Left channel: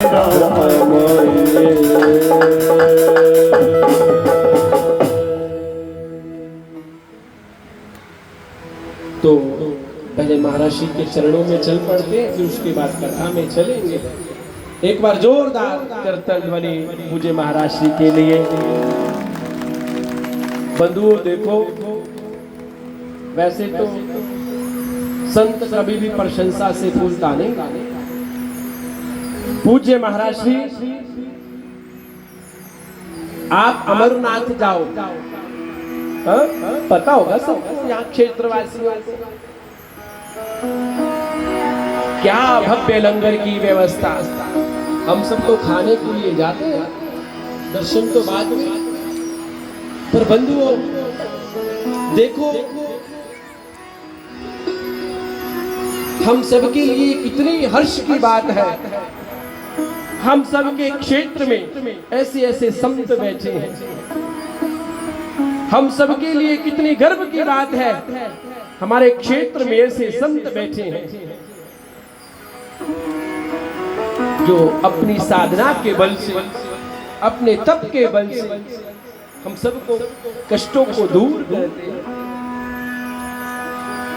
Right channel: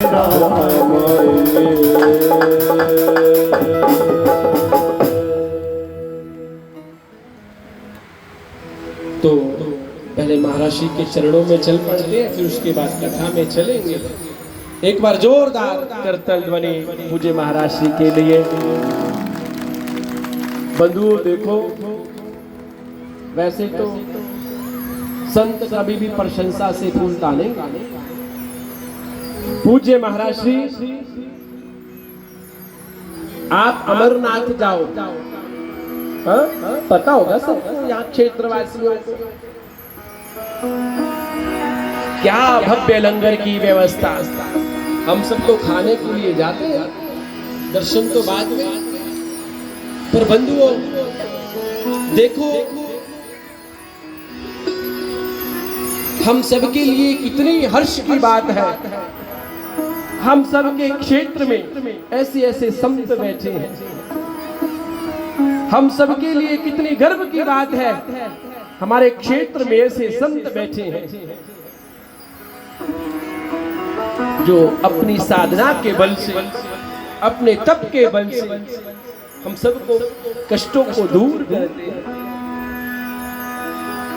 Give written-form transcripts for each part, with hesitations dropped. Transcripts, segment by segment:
तो पहले महाराज के चरणों में चल पड़ते हैं, फिर उसके बाद कथा में चलेंगे। एक बार जोरदार करतल ध्वनि मुझे महाराज के लिए। बंधुओं देखो, वैसे तो संत कभी भी प्रशंसा से फूलता नहीं। पूज्य महाराज श्री आप अमरनाथ जाओ, पता होगा सब यहाँ क्षेत्रवासियों को क्या भव्य लंगर की व्यवस्था। हम सब लोग खाने के लिए जाते हैं, दर्शन तो बाद में। पर बंधुओं देखो, हम सबके लिए कितनी हर्ष की बात है, हम सबके क्षेत्र में ऐसे ऐसे संत बैठे हैं। हम सबके लिए कितनी गर्व की बात है, हमारे क्षेत्र में ऐसे संत बैठे हैं जो अपनी साधना के बल से, अपने तप के बल से हम सबको कष्टों को दूर करते हैं।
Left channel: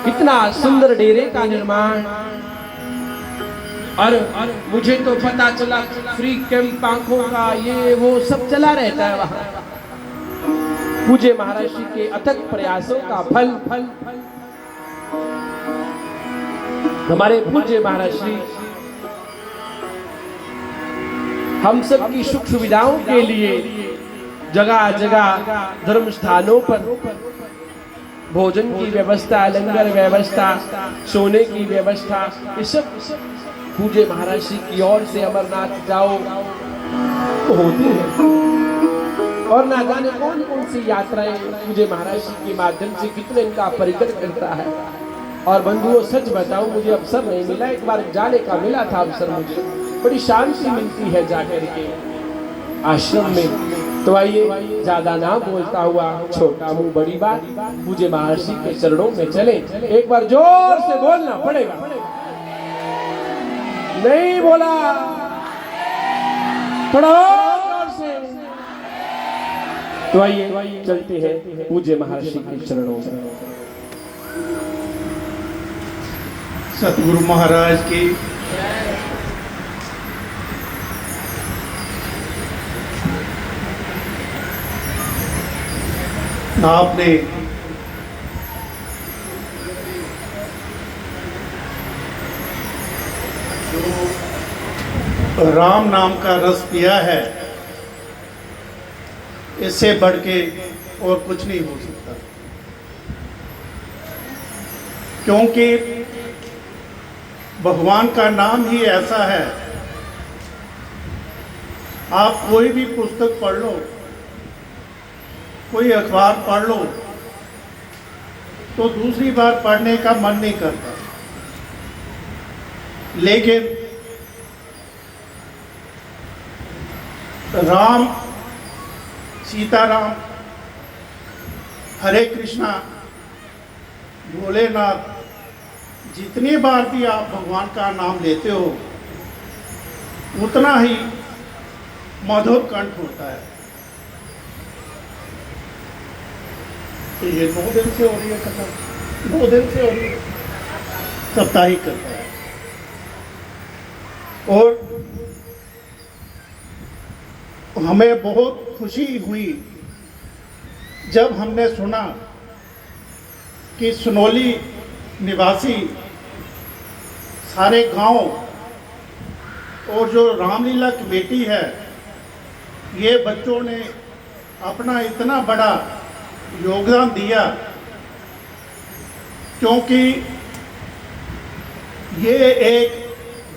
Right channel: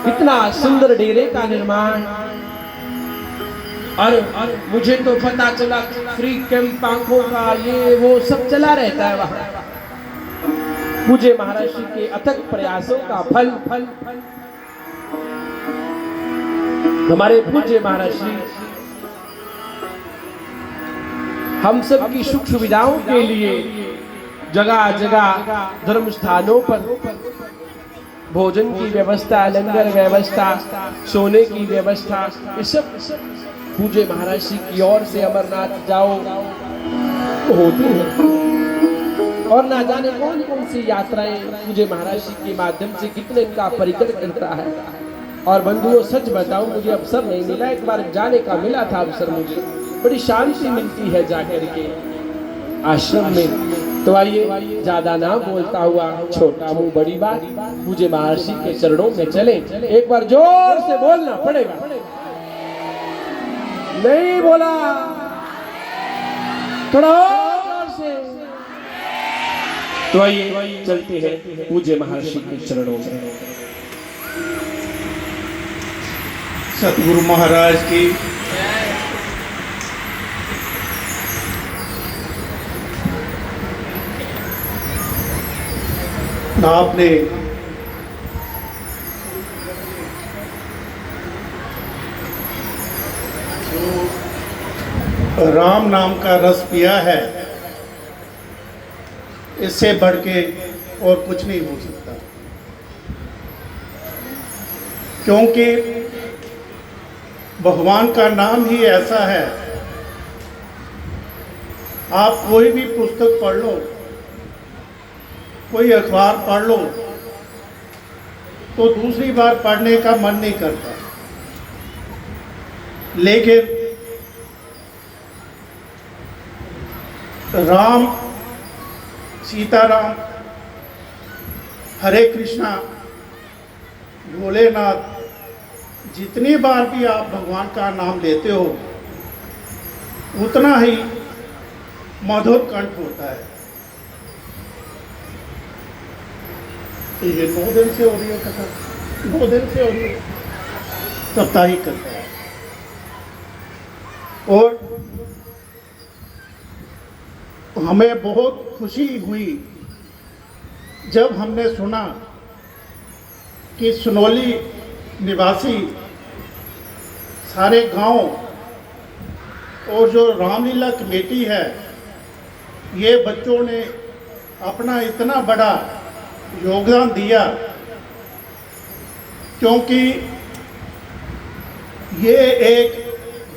कितना सुंदर डेरे का निर्माण, और मुझे तो पता चला फ्री कैंप आंखों का ये वो सब चला रहता है वहां। पूज्य महाराज जी के अथक प्रयासों का फल हमारे पूज्य महाराज जी हम सब की सुख सुविधाओं के लिए जगह जगह धर्म स्थानों पर भोजन की व्यवस्था, लंगर व्यवस्था, सोने की व्यवस्था, ये सब पूज्य महाराज जी की ओर से अमरनाथ जाओ तो होती है। और ना जाने कौन कौन सी यात्राएं पूज्य महाराज जी के माध्यम से कितने इनका परिकर करता है। और बंधुओं सच बताऊं, मुझे अवसर नहीं मिला, एक बार जाने का मिला था अवसर, मुझे बड़ी शांति मिलती है जाकर के आश्रम में। तो आइए ज्यादा ना बोलता हुआ, छोटा मुंह बड़ी बात, पूज्य महाराज जी के चरणों में चले। एक बार जोर से बोलना पड़ेगा, नहीं बोला थोड़ा जोर से। तो आइए चलते हैं पूज्य महर्षि के चरणों में। सतगुरु महाराज की आपने राम नाम का रस पिया है, इससे बढ़ के और कुछ नहीं हो सकता। क्योंकि भगवान का नाम ही ऐसा है, आप कोई भी पुस्तक पढ़ लो, कोई अखबार पढ़ लो, तो दूसरी बार पढ़ने का मन नहीं करता। लेकिन राम, सीताराम, हरे कृष्णा, भोलेनाथ, जितनी बार भी आप भगवान का नाम लेते हो उतना ही मधुर कंठ होता है। ये 2 दिन से हो रही है कथा, 2 दिन से हो रही है, कथा ही करता है। और हमें बहुत खुशी हुई जब हमने सुना कि सुनौली निवासी सारे गांव और जो रामलीला कमेटी है, ये बच्चों ने अपना इतना बड़ा योगदान दिया। क्योंकि ये एक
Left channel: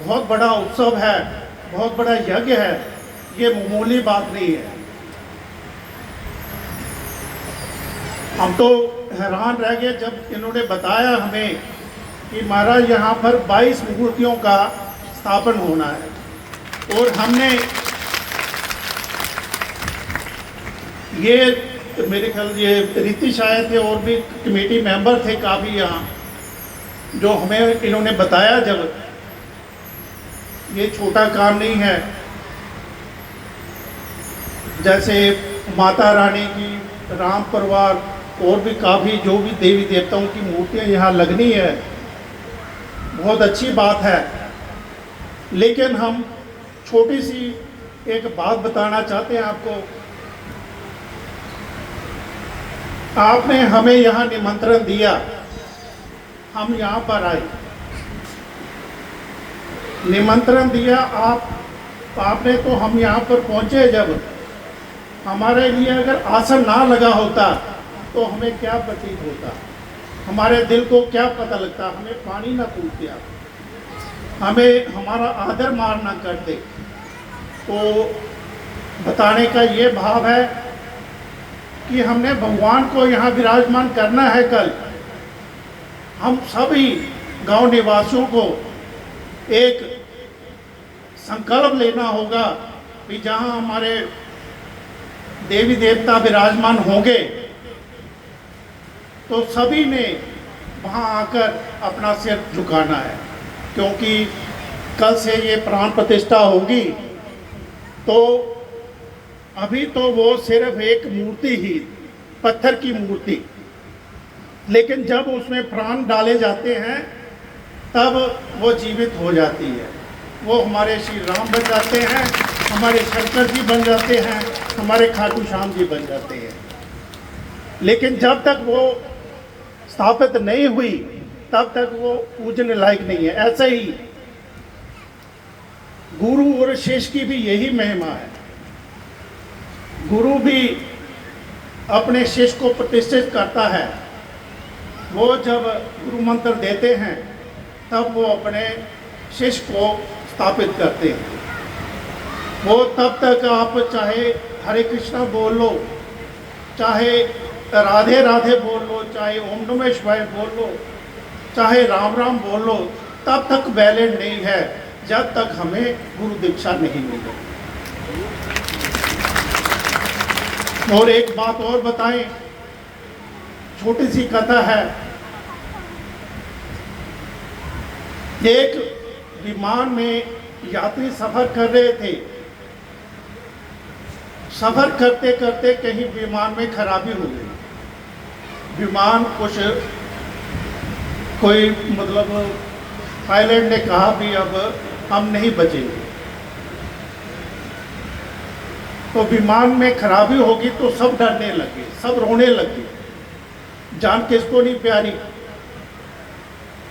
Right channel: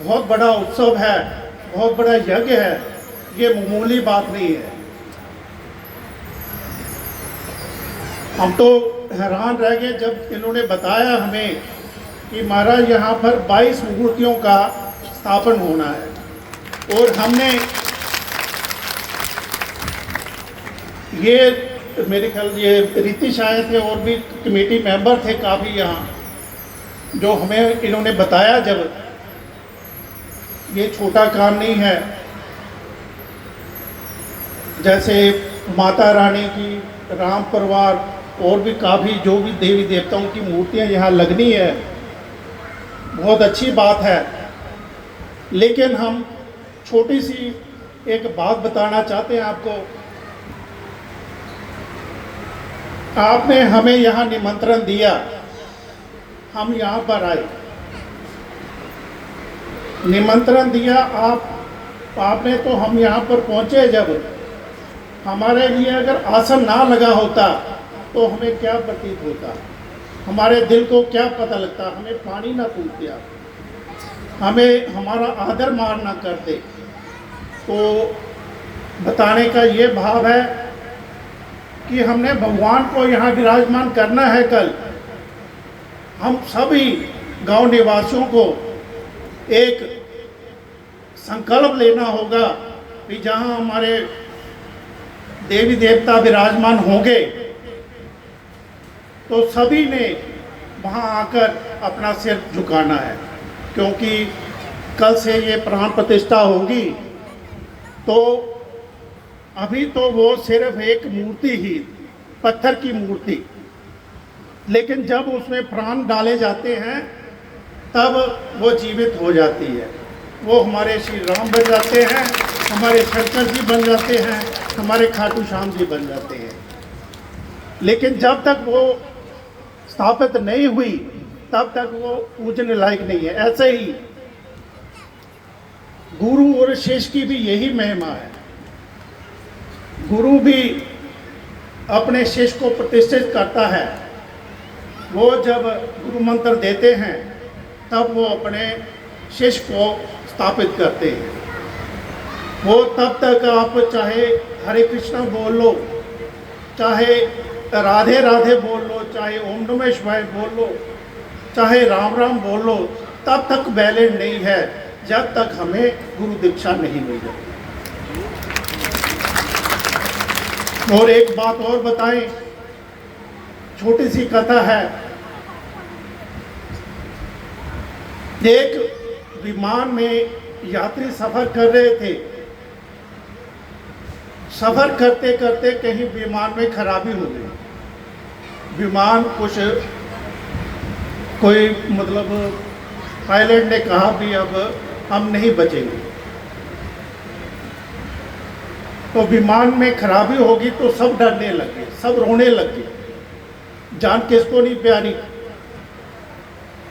बहुत बड़ा उत्सव है, बहुत बड़ा यज्ञ है, ये मामूली बात नहीं है। हम तो हैरान रह गए जब इन्होंने बताया हमें कि महाराज यहाँ पर 22 मूर्तियों का स्थापन होना है। और हमने ये, मेरे ख्याल ये रीतिश आए थे और भी कमेटी मेंबर थे काफ़ी यहाँ, जो हमें इन्होंने बताया जब ये छोटा काम नहीं है। जैसे माता रानी की, राम परिवार और भी काफ़ी जो भी देवी देवताओं की मूर्तियां यहाँ लगनी है, बहुत अच्छी बात है। लेकिन हम छोटी सी एक बात बताना चाहते हैं आपको। आपने हमें यहाँ निमंत्रण दिया, हम यहाँ पर आए, निमंत्रण दिया आपने, तो हम यहाँ पर पहुँचे। जब हमारे लिए अगर आसन ना लगा होता तो हमें क्या प्रतीत होता, हमारे दिल को क्या पता लगता, हमें पानी ना पूछते, हमें हमारा आदर मान ना करते। तो बताने का ये भाव है कि हमने भगवान को यहाँ विराजमान करना है। कल हम सभी गांव निवासियों को एक संकल्प लेना होगा कि जहाँ हमारे देवी देवता विराजमान होंगे तो सभी ने वहाँ आकर अपना सिर झुकाना है, क्योंकि कल से ये प्राण प्रतिष्ठा होगी। तो अभी तो वो सिर्फ एक मूर्ति ही, पत्थर की मूर्ति, लेकिन जब उसमें प्राण डाले जाते हैं तब वो जीवित हो जाती है। वो हमारे श्री राम बन जाते हैं, हमारे शंकर जी बन जाते हैं, हमारे खाटू श्याम जी बन जाते हैं। लेकिन जब तक वो स्थापित नहीं हुई तब तक वो पूजने लायक नहीं है। ऐसे ही गुरु और शिष्य की भी यही महिमा है। गुरु भी अपने शिष्य को प्रतिष्ठित करता है। वो जब गुरु मंत्र देते हैं तब वो अपने शिष्य को स्थापित करते हैं। वो तब तक आप चाहे हरे कृष्णा बोल लो, चाहे राधे राधे बोल लो, चाहे ओम नमः शिवाय बोल लो, चाहे राम राम बोल लो, तब तक वैलिड नहीं है जब तक हमें गुरु दीक्षा नहीं मिले। और एक बात और बताएं, छोटी सी कथा है। एक विमान में यात्री सफर कर रहे थे। सफर करते करते कहीं विमान में खराबी हो गई। विमान कुछ कोई मतलब पायलट ने कहा भी अब हम नहीं बचेंगे। तो विमान में खराबी होगी तो सब डरने लगे, सब रोने लगे। जान किसको नहीं प्यारी।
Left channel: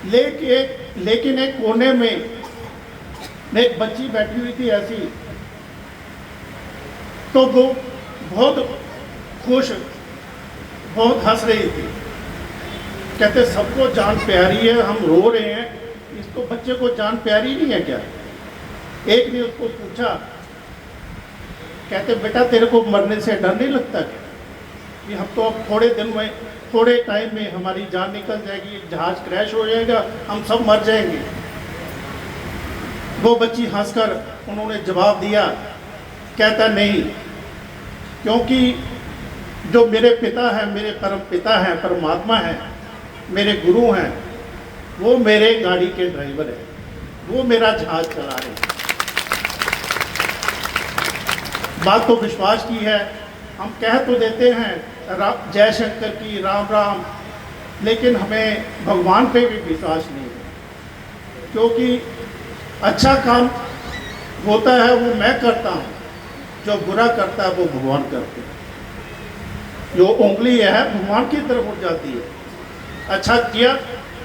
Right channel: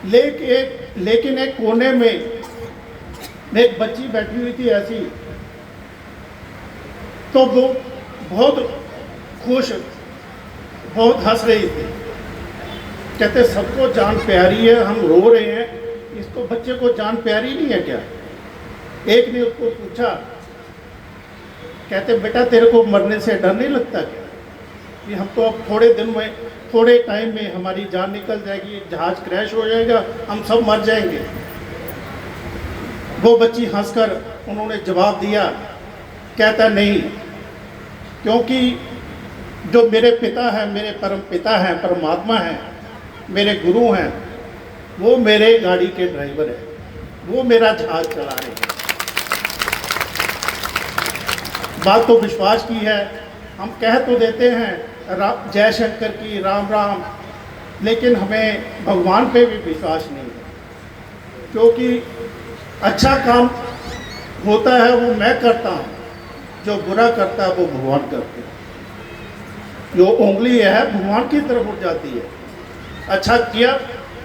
लेकिन एक कोने में एक बच्ची बैठी हुई थी ऐसी, तो वो बहुत खुश, बहुत हंस रही थी। कहते सबको जान प्यारी है, हम रो रहे हैं, इसको बच्चे को जान प्यारी नहीं है क्या? एक ने उसको पूछा, कहते बेटा तेरे को मरने से डर नहीं लगता क्या? कि हम तो अब थोड़े दिन में, थोड़े टाइम में हमारी जान निकल जाएगी, जहाज क्रैश हो जाएगा, हम सब मर जाएंगे। वो बच्ची हंसकर उन्होंने जवाब दिया, कहता नहीं, क्योंकि जो मेरे पिता है, मेरे परम पिता हैं, परमात्मा हैं, मेरे गुरु हैं, वो मेरे गाड़ी के ड्राइवर हैं, वो मेरा जहाज चला रहे हैं। बात तो विश्वास की है। हम कह तो देते हैं जय शंकर की, राम राम, लेकिन हमें भगवान पे भी विश्वास नहीं है। क्योंकि अच्छा काम होता है वो मैं करता हूँ, जो बुरा करता है वो भगवान करते हैं। जो उंगली है भगवान की तरफ उठ जाती है। अच्छा किया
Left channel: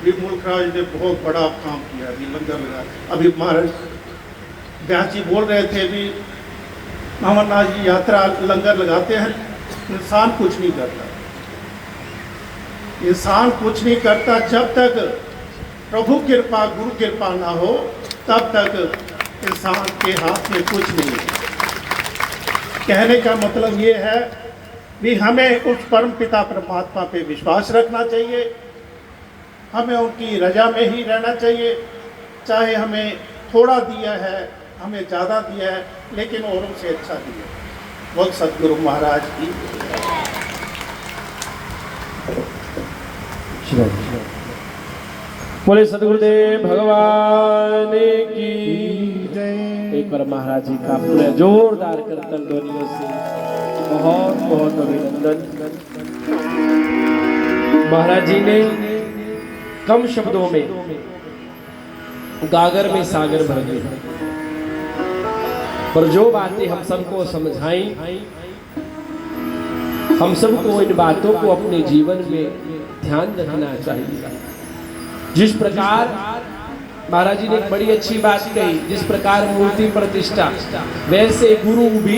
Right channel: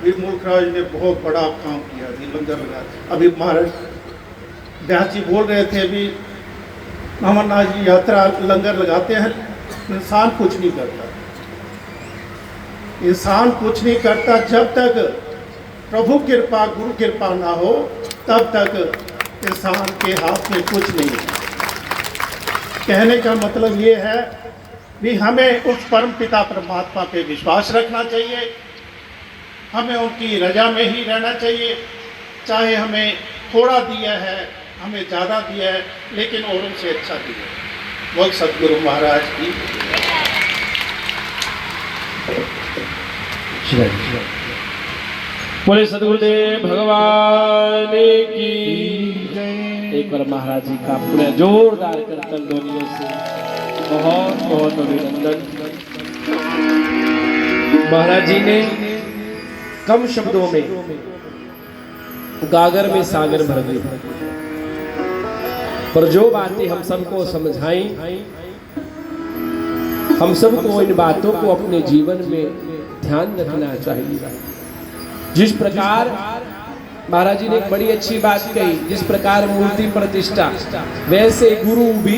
भी, मुल्क राज ने बहुत बड़ा काम किया, भी लंगर लगा। अभी महाराज व्यास जी बोल रहे थे भी, अमरनाथ जी यात्रा लंगर लगाते हैं, इंसान कुछ नहीं करता। इंसान कुछ नहीं करता जब तक प्रभु कृपा, गुरु कृपा ना हो, तब तक इंसान के हाथ में कुछ नहीं है। कहने का मतलब ये है कि हमें उस परम पिता परमात्मा पे विश्वास रखना चाहिए। हमें उनकी रजा में ही रहना चाहिए। चाहे हमें थोड़ा दिया है, हमें ज़्यादा दिया है, लेकिन औरों से अच्छा दिया है। बहुत सतगुरु महाराज की। बोले सदगुरुदेव भगवान की जय। एक बार महाराज जी का पूरा जोरदार कीर्तन ध्वनियों से बहुत बहुत अभिनंदन। महाराज जी ने कम शब्दों में गागर में सागर भर दी, पर जो बातें हम सबको समझाई, हम सबको इन बातों को अपने जीवन में ध्यान रखना चाहिए। जिस प्रकार महाराज जी ने एक बड़ी अच्छी बात कही, जिस प्रकार मूर्ति प्रतिष्ठा, वैसे गुरु भी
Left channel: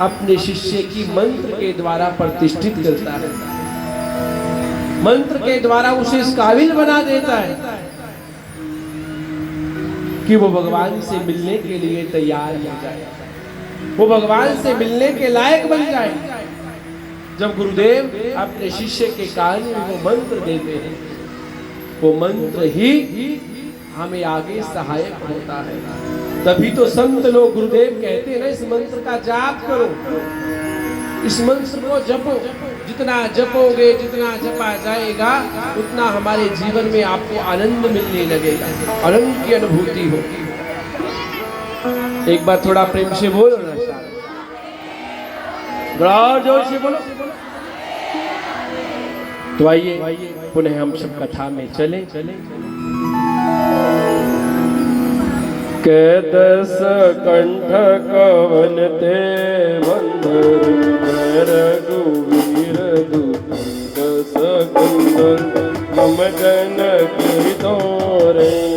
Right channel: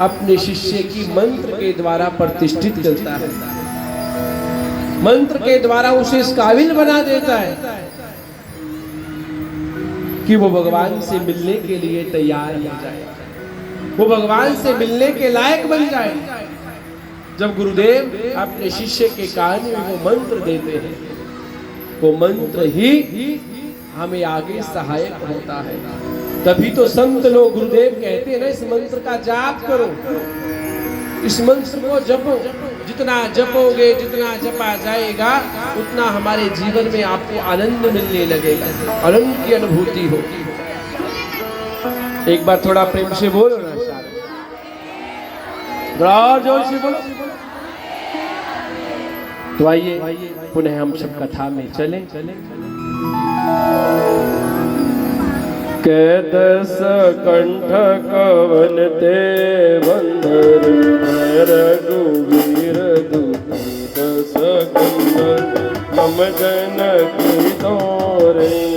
अपने शिष्य की मंत्र के द्वारा प्रतिष्ठित करता है, मंत्र के द्वारा उसे इस काबिल बना देता है कि वो भगवान से मिलने के लिए तैयार हो जाए, वो भगवान से मिलने के लायक बन जाए। जब गुरुदेव अपने शिष्य के कान में वो मंत्र देते हैं, वो मंत्र ही हमें आगे सहायक होता है। तभी तो संत लोग, गुरुदेव कहते हैं ना, इस मंत्र का जाप करो, इस मंत्र को जपो, जितना जपोगे, जितना जपा जाएगा, उतना हमारे जीवन में आपको आनंद मिलने लगेगा, आनंद की अनुभूति होगी। एक बार थोड़ा प्रेम से बोलो ना साहब, बड़ा जोर से बोलो। तो आइए पुनः हम सब कथा में चले। के दस कंठ कवन ते बंधर रघुवीर दूत दस कंठ हम जन